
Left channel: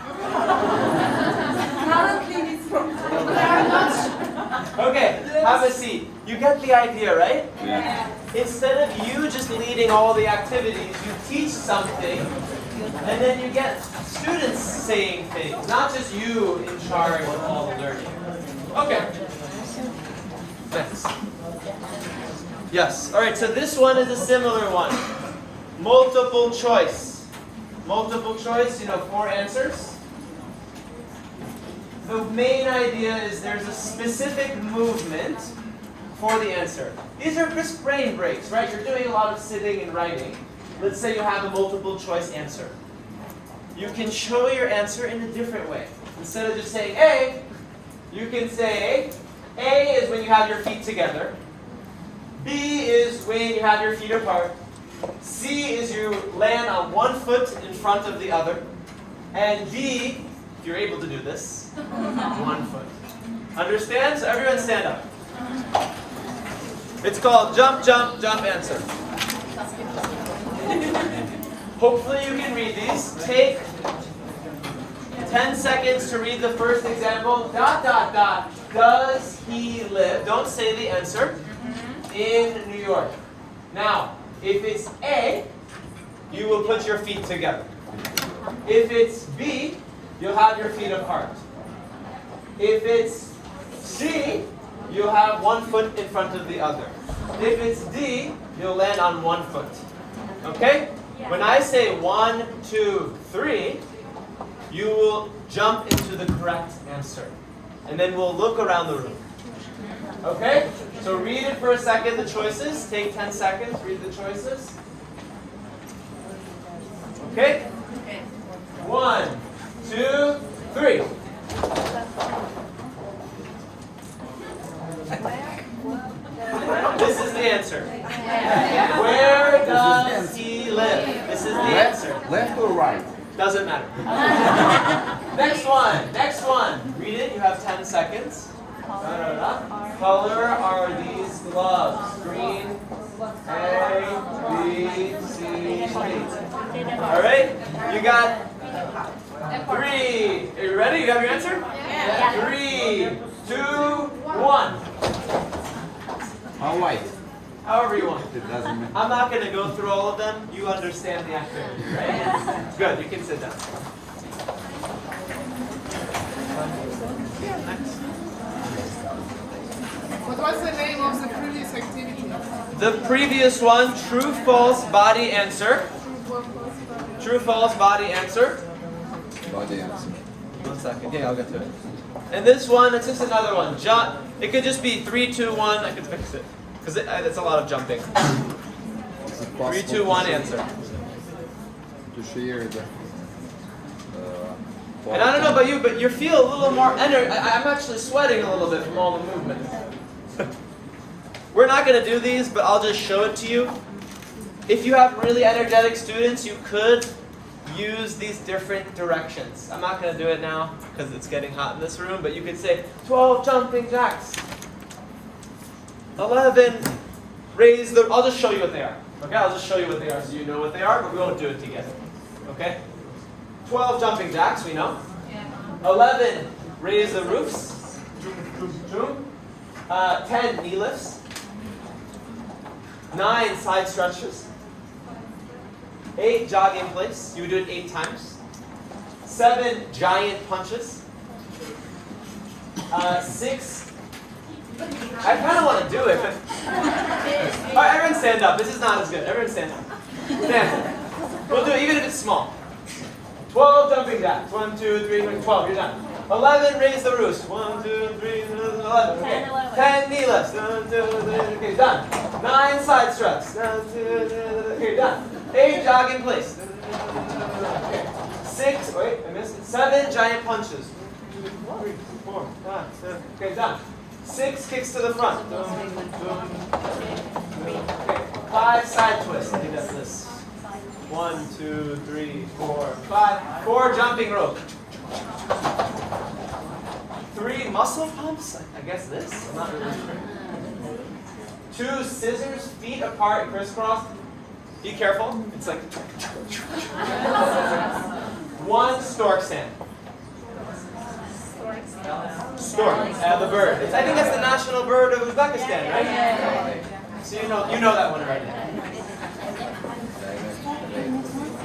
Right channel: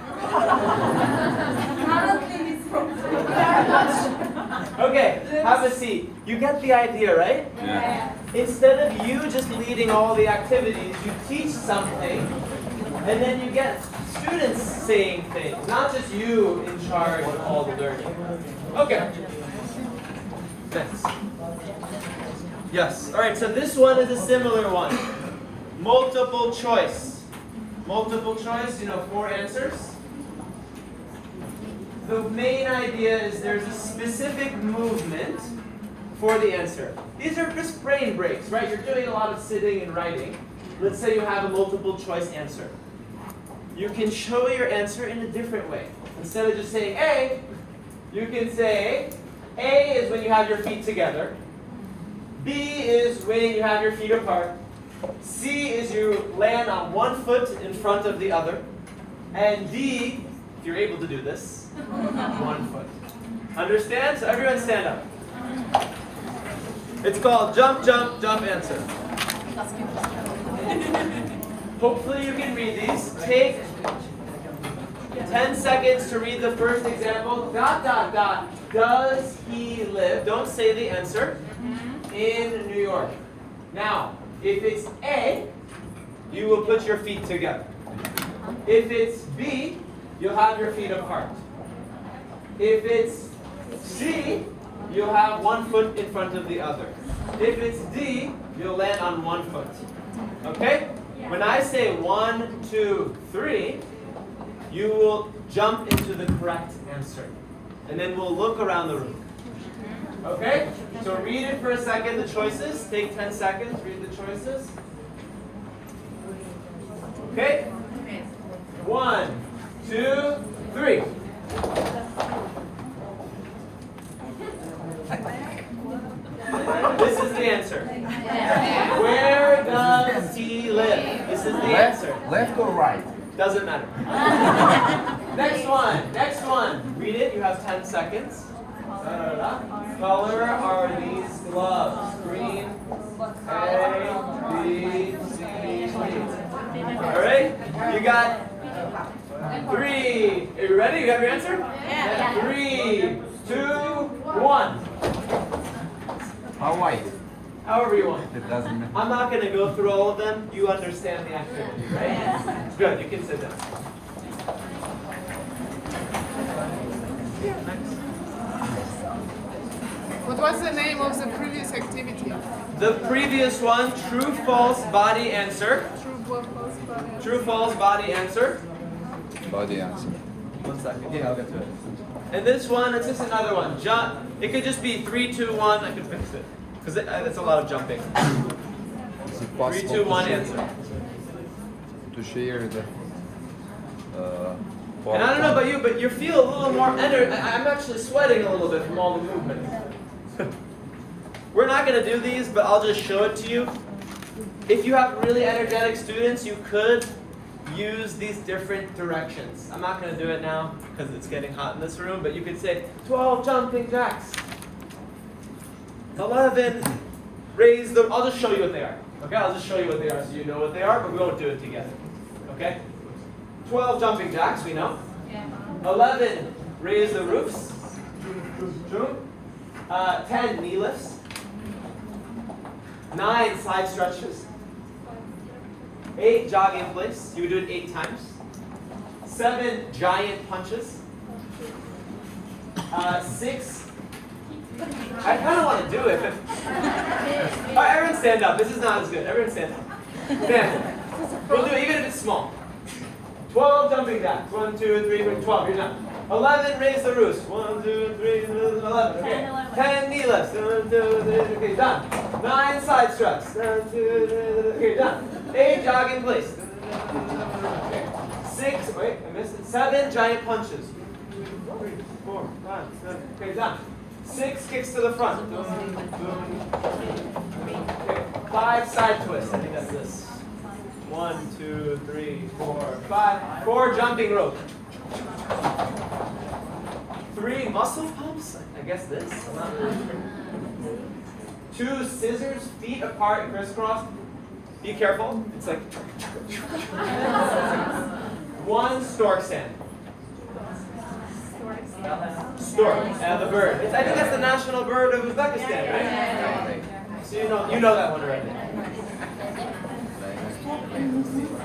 Currently it's from Okay, have a seat. You get the idea, right? Yeah. Instead of you just leading all the activities, you teach something, and then you get students saying things, not just you in charge of all the learning. Okay. Thanks. Yes. All right, so this one is a similar one. Multiple choice. Multiple choice, 4 answers. The main idea is there's a specific movement for the answer. These are just brain breaks, right? You're doing a lot of sitting and writing. Let's say you have a multiple choice answer. You can show your answer in a different way. Instead of just saying A, you can say A is when you have your feet together. B is when you have your feet apart. C is you land on one foot in front of the other. And D, if you're able to do this, 1 foot. Understand? So everyone stand up. It's called jump, jump, jump answer. Hopefully you can read these. Take 10 seconds to read the first example. ... Does he live? Don't say the answer. In New York. Now, if it's A, you will put your feet together. If it's B, you'll have your feet apart. If it's C, you'll have 1 foot in front of the other. If it's D, you'll land on 1 foot. Okay? When I say 1, 2, 3, you will jump into the correct answer. And then we'll look around the room. Okay? So read it for a second, the choices. Take 10 seconds, read the choices. Okay? 1, 2, 3. This is the answer. Where does he live? This is the answer. Left or right? Doesn't matter. Next one. Read it, you have 10 seconds. Color are these gloves? Green, A, B, C, D. All right, you got 3. Are you ready? You have your answer? Yeah. 3, 2, 1. How white? However you want. It doesn't matter. I'm not going to go through all of them. You understand the activity, right? Good, you can sit down. The previous one, true, false, body answer. True, false, body answer. Body answer. 1 second. Yeah, I'll get to it. And this one, it's just another one. It could just be 3, 2, 1. I can fix it. Because it's a lot of jumping. 3, 2, 1 answer. To share the. And I don't know about you, but you feel a little more energy. I'm actually sweating a little bit from all the movement. We're not going to do these, but I'll just show it to you. If you have really energetic students, you could use these different directions. I'm not going to do it now because it's getting hot in this room, but you could say 12 jumping jacks. 11, raise the, I'll just show you what they are. Okay, I'll just show you what they are so you know what they are, but we won't do it together. Okay? 12 jumping jacks, we know. 11, raise the roofs. 10, knee lifts. 9, side stretches. 8, jog in place. You would do it 8 times. 7, giant punches. 6, I kind of want to do it, but all right, everyone stand up. This is not as good. Everyone stand up. Stand up. We'll do it even if it's small. 12 jumping jacks. 1, 2, 3, 12. You're done. 11, raise the roofs. 1, 2, 3, 11. Okay. 10, knee lifts. 1, 2, 3, okay, done. 9, side struts. 1, 2, 3, okay, done. 8, jog in place. Okay. 6, wait, I missed it. 7, giant punches. 2, 3, 4, 5, 7. Okay, done. 6, kicks to the front. Okay. 5, side twists. I think that's this. 1, 2, 3, 4, 5. 4, jumping rope. 3, muscle pumps. I guess this. I'm not really sure. 2, scissors, feet apart, crisscross. Be careful. It's like. 1, stork stand. Stork, the bird. I think that's the national bird of Uzbekistan, right? So you know that one already.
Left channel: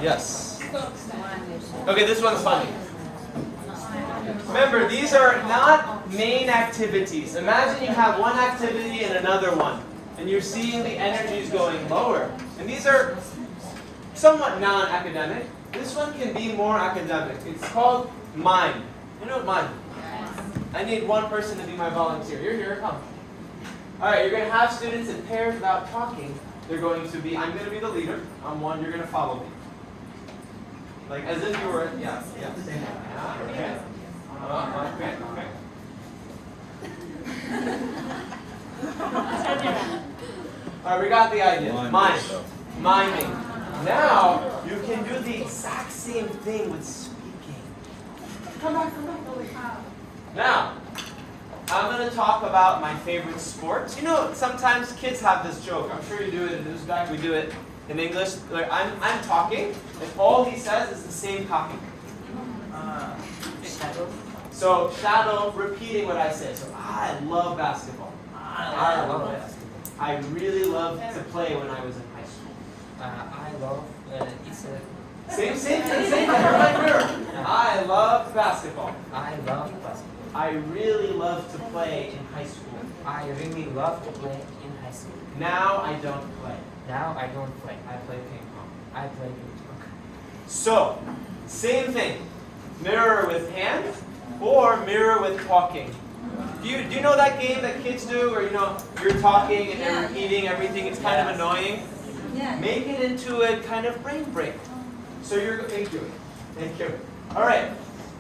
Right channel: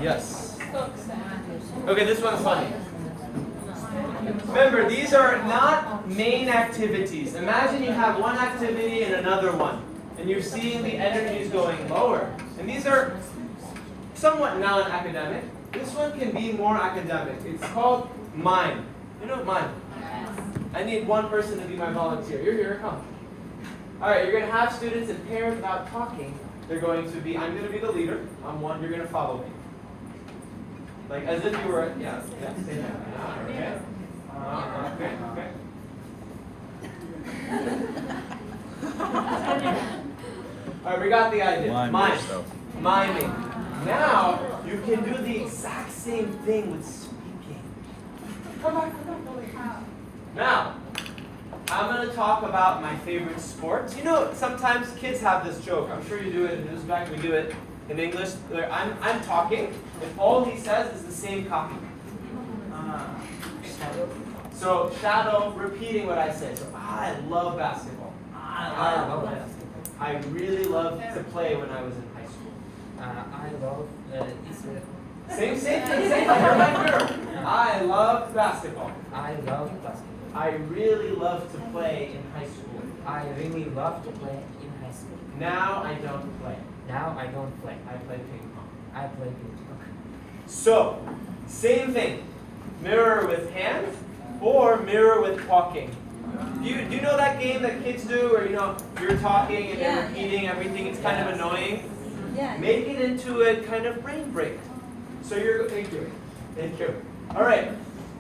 Yes. Okay, this one's funny. Remember, these are not main activities. Imagine you have one activity and another one, and you're seeing the energies going lower. And these are somewhat non-academic. This one can be more academic. It's called mime. You know what mime? I need one person to be my volunteer. You're here, come. All right, you're going to have students in pairs without talking. They're going to be, I'm going to be the leader. I'm one, you're going to follow me. Like as if you were, yeah, stay there. Okay. Okay. All right, we got the idea. Miming. Now, you can do the exact same thing with speaking. Come on. Now, I'm going to talk about my favorite sport. You know, sometimes kids have this joke. I'm sure you do it in Uzbek. We do it in English. I'm talking, and all he says is the same copy. So, shadow, repeating what I say. So, I love basketball. I love basketball. I really loved to play when I was in high school. I love Same thing. You're my mirror. I love basketball. I love basketball. I really love to play in high school. I really love to play in high school. Now I don't play. Now I don't play. I play ping pong. I play ping pong. So, same thing. Mirror with hands or mirror with talking. Do you know that game that kids do where you're talking and you're repeating everything? It's kind of annoying. Yeah. Make it into a kind of brain break. So thank you. All right,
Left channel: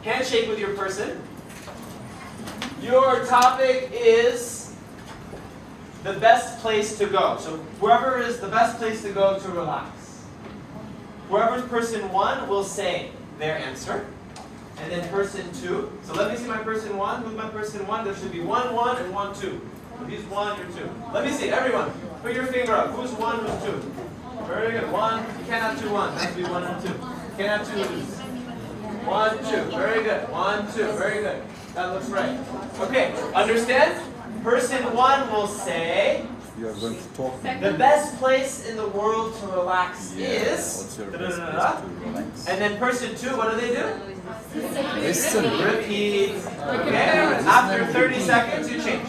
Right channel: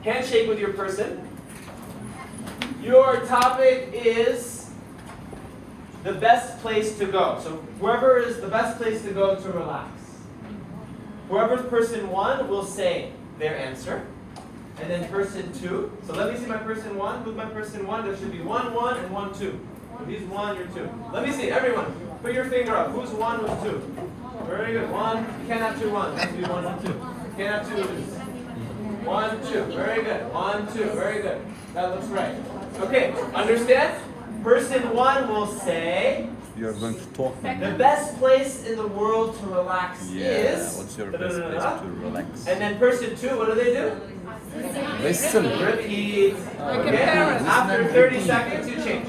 handshake with your person. Your topic is the best place to go. So whoever is the best place to go to relax. Whoever's person 1 will say their answer. And then person 2. So let me see my person 1. Who's my person 1? There should be 1, 1, and 1, 2. So he's 1, you're 2. Let me see, everyone. Put your finger up. Who's 1, who's 2? Very good. 1. You cannot do 1. It has to be 1 and 2. You cannot do 1, 2. Very good. 1, 2. Very good. That looks right. Okay, understand? Person 1 will say, You're going to talk. the best place in the world to relax is, What's your best place to relax? and then person 2, what do they do? Listen. Repeat. Okay, after 30 seconds, you change.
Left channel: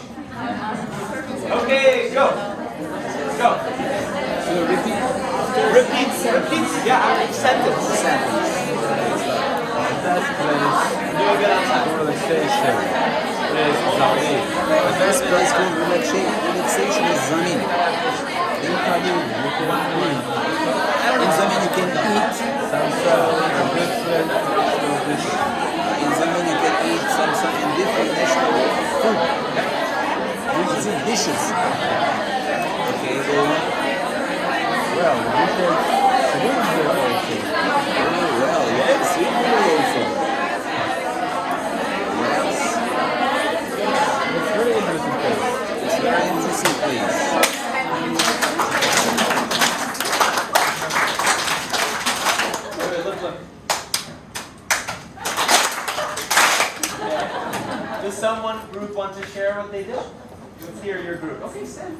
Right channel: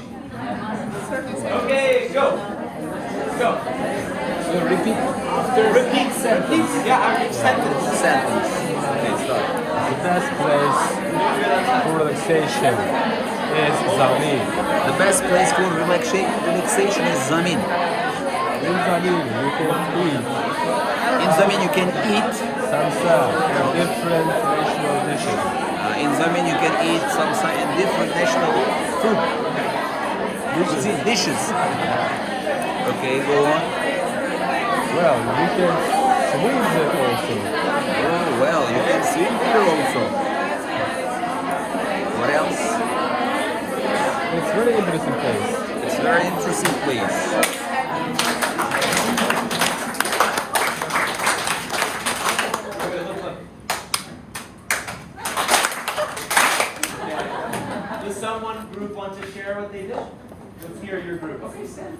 Okay, go. Go. So repeat after Repeat. Yeah, after sentence. Relaxation is zamin. The best place for relaxation is zamin. In zamin you can eat. In zamin you can eat some different national food. It's in dishes. Okay, go on. Well, you can sleep there also. It's very interesting place. Does someone group want to share what they did? Let's hear your group. Okay, stand.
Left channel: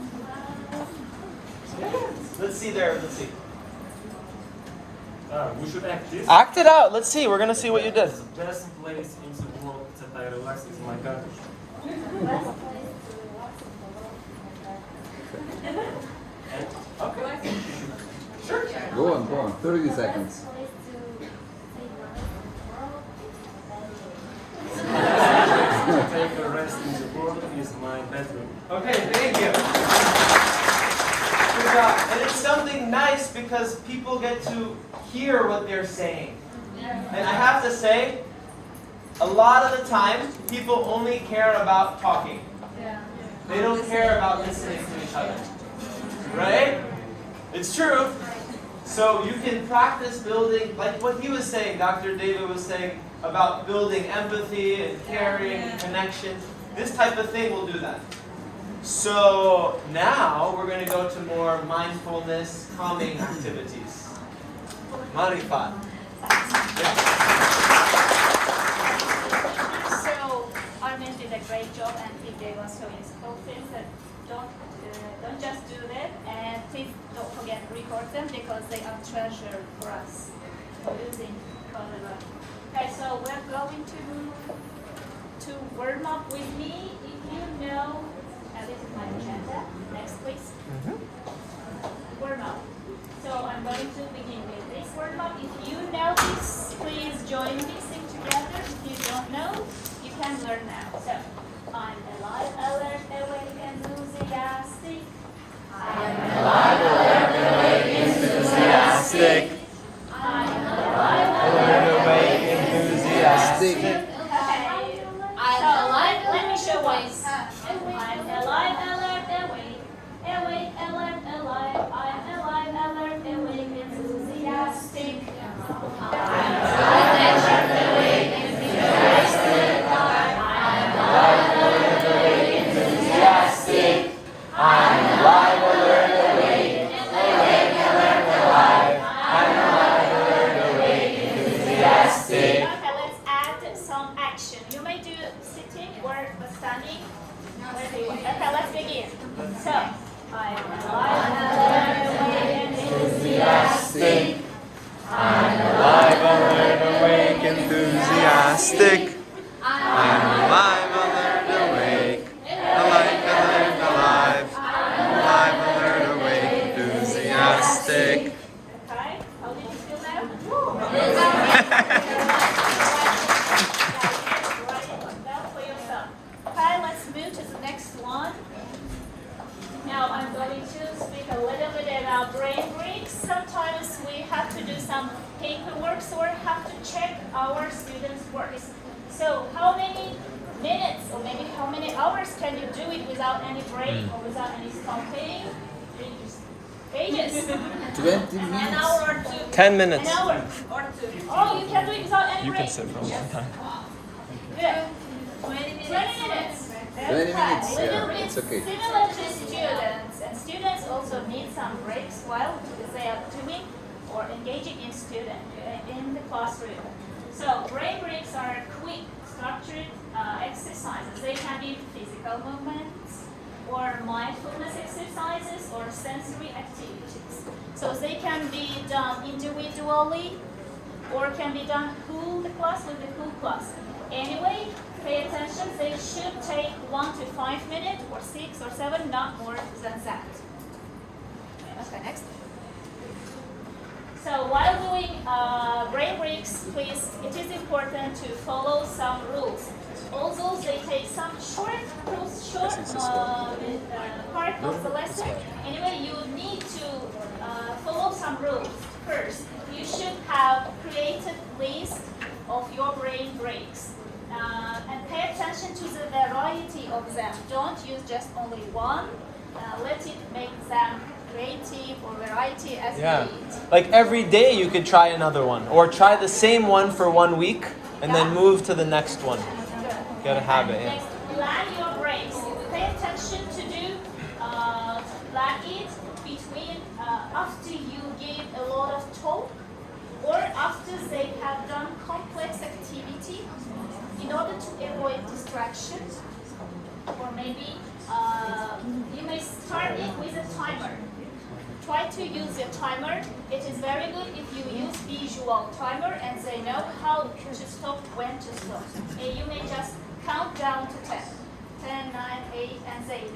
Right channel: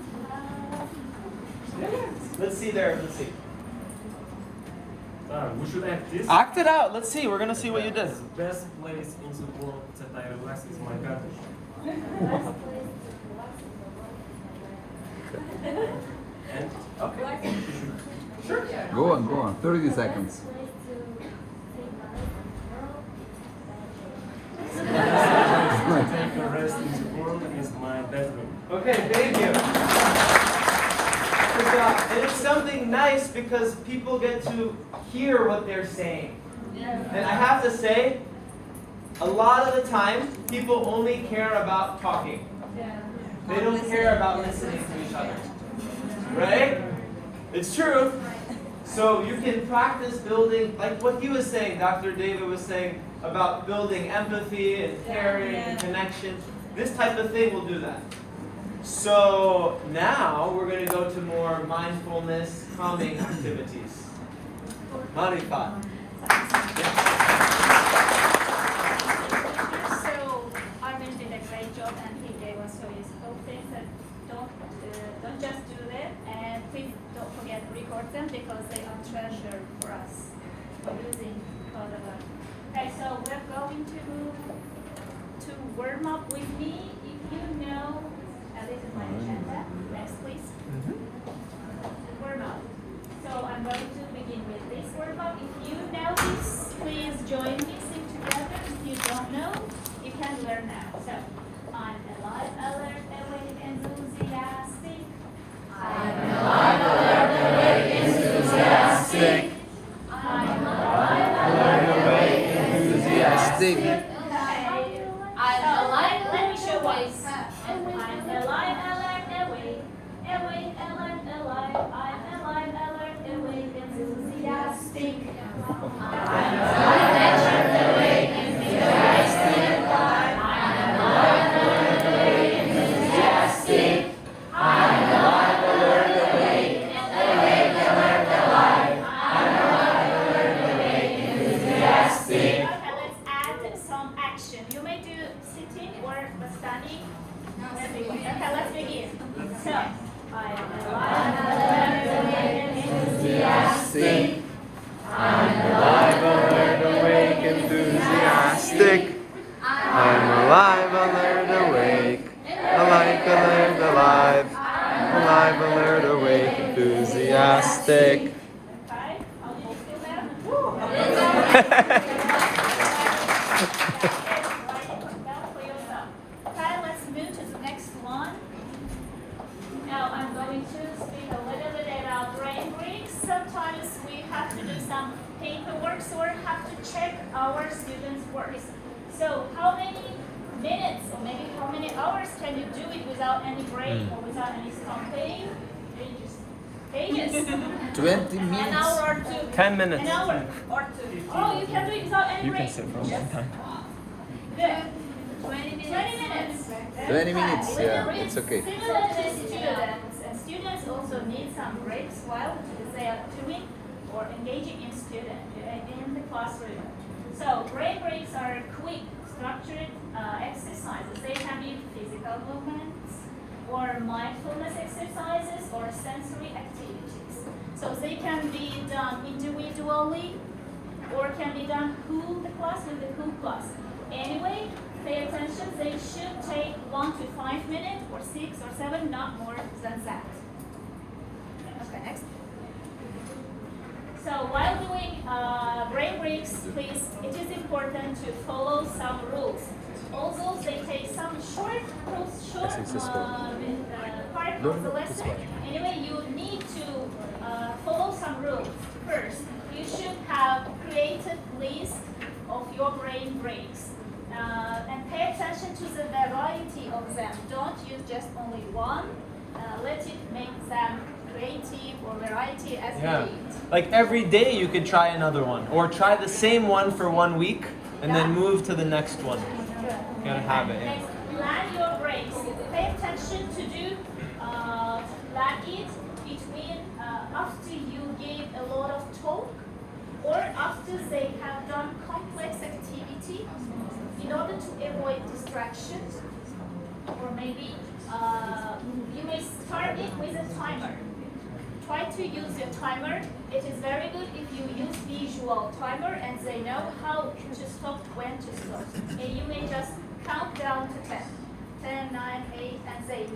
Let's see there. Let's see. We should act this. Act it out. Let's see. We're gonna see what you did. The best place in the world that I relax is my garden. And okay. Sure. Go on. 30 seconds. To take a rest in the world is my bedroom. Okay. Thank you. Good job. And it's something nice because people get to hear what they're saying. And I have to say, a lot of the time, people only care about talking. They don't care about listening to each other. Right? It's true. So you can practice building, like what he was saying, Dr. David was saying, about building empathy and caring and connection. This type of thing will do that. So now we're going to go to more mindfulness, calming activities. Marifat. So Armen did a great job, and he gave us so useful things that don't just do that, and please don't forget to record them because they are treasure for us using Colorado. Okay, so we're going to warm up with me. If you know, this is my agenda. Next, please. Warm up. So I'm going to begin with this warm up. If you know this, please join me. Sing together. If you don't know, you can learn now. So I'm alive, alert, awake, enthusiastic. I'm alive, alert, awake, enthusiastic. I'm alive, alert, awake, enthusiastic. I'm alive, let me show voice. I'm alive, alert, awake, alert, alive. I'm alive, alert, awake, enthusiastic. I'm alive, alert, awake, enthusiastic. I'm alive, alert, awake, enthusiastic. I'm alive, alert, awake, alive. I'm alive, alert, awake, enthusiastic. Okay, let's add some action. You may do sitting or standing. Okay, let's begin. So, I'm alive, alert, awake, enthusiastic. I'm alive, alert, awake, enthusiastic. I'm alive, alert, awake, alive, alive. Alive, alert, awake, enthusiastic. Okay, how did you feel now? Okay, let's move to the next one. Now I'm going to speak a little bit about brain breaks. Sometimes we have to do some paperwork, so we have to check our students' works. So how many minutes or maybe how many hours can you do it without any break or without any stopping? Pages. 20 An minutes. hour or two. 10 minutes. An hour or two. Oh, you can do it without any break. You can sit for a long time. Good. 20 minutes. 20 minutes, yeah, it's okay. Similar to students, and students also need some breaks while they are doing or engaging in the classroom. So brain breaks are quick, structured exercises. They can be physical movements, or mindfulness exercises, or sensory activities. So they can be done individually, or can be done whole class with the whole class. Anyway, pay attention, they should take 1 to 5 minutes, or 6 or 7, not more than that. Next. So while doing brain breaks, please, it is important to follow some rules. Although they take some short part of the lesson, anyway, you need to follow some rules. First, you should have created list of your brain breaks. And pay attention to the variety of them. Don't use just only one. Let it make them creative or variety as you need. Like every day you could try another one, or try the same one for 1 week and then move to the next one. Get a habit. Yeah. Next, plan your breaks. Pay attention to do plan it between after you give a lot of talk or after they have done complex activity in order to avoid distractions. Or maybe you may start it with a timer. Try to use a timer. It is very good if you use visual timer and they know how to stop, when to stop. And you may just count down to 10. 10, 9, 8, and they know.